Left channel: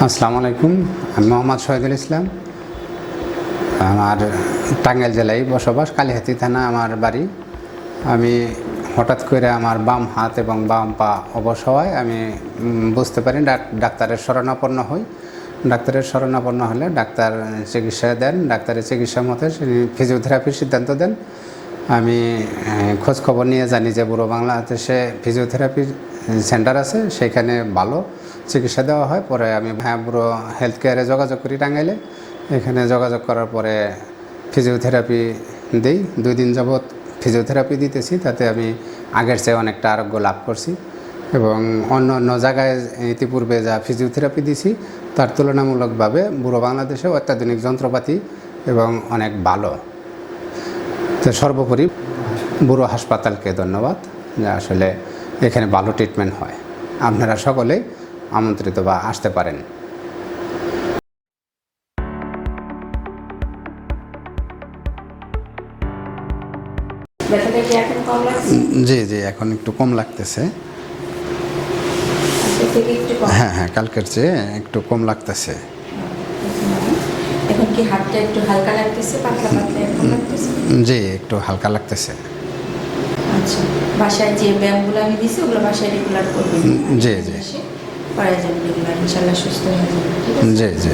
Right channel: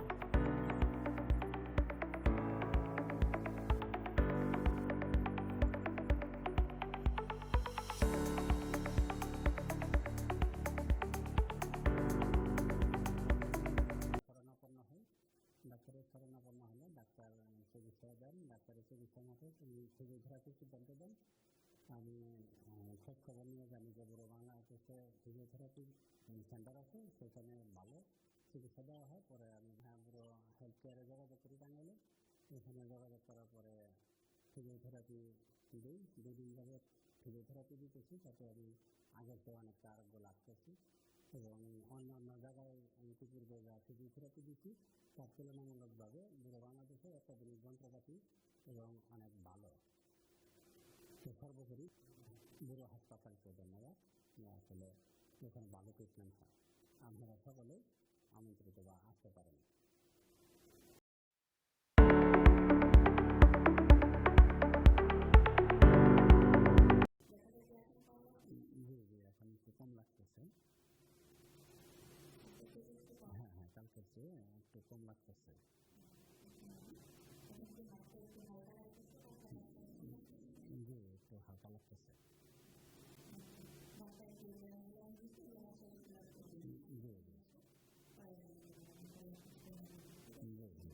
আসসালামু আলাইকুম, আমি মোহাম্মদ শহীদুল ইসলাম। আমার টাঙ্গাইল জেলায় বসবাস, কালীহাতি থানা আমার বাড়ি। আমি হঠাৎ করে আমার বাম হাত এবং বাম পা অবশ হওয়ায় আমি বুঝতে পারি ডাক- ডাক্তারের শরণাপন্ন হই। ডাক্তারের শরণাপন্ন হলে ডাক্তার চিকিৎসা দেন, ডাক্তারের চিকিৎসা মতে ফিজিওথেরাপির সিদ্ধান্ত দেন। আমি খোঁজ খবর নিয়ে জানি যে বুড়ো বাংলাদেশে ফিজিওথেরাপির সেন্টার আছে, সেখানে ভালো চিকিৎসা দেওয়া হয়। পরে আমি হ্যাঁ বুড়ো হেলথ কেয়ারে যোগাযোগ করি টাঙ্গাইলে। এখানে যোগাযোগ করার পরে ফিজিওথেরাপি দিই। দুই দিন যাবৎ ফিজিওথেরাপি দিতেছি, তাতে আমি আগের চেয়ে অনেকটা আরোগ্য লাভ করছি। এবং অন্য অন্য জায়গায় ইতিপূর্বে যা ফিজিওথেরাপি দিছি, তার তুলনামূলকভাবে বুড়ো বাংলাদেশেও অত্যাধুনিক যন্ত্রপাতি এবং অনেক ভালো। তো সর্বোপরি বুড়ো হাসপাতালকে ধন্যবাদ যে আসলে এখানে ভালো ট্রিটমেন্ট হয়। আপনারা সকলেই আমন্ত্রিত বা আসতে পারেন। জি জি এখন একটু কম লাগতেছে। হ্যাঁ হ্যাঁ কালকের চেয়ে একটু কম লাগতেছে। কি হাতটা একটু হালকা লাগতেছে পাতলা পাতলা এখন লাগতেছে? জি একটু হালকা লাগতেছে। আচ্ছা বাসায় যে ব্যায়ামগুলো আমি দিছি ওগুলো বাসায় রেগুলার করবেন? জি, জি। করা যাবে রেগুলার ইনশাল্লাহ সুস্থ হয়ে যাবে জি জি।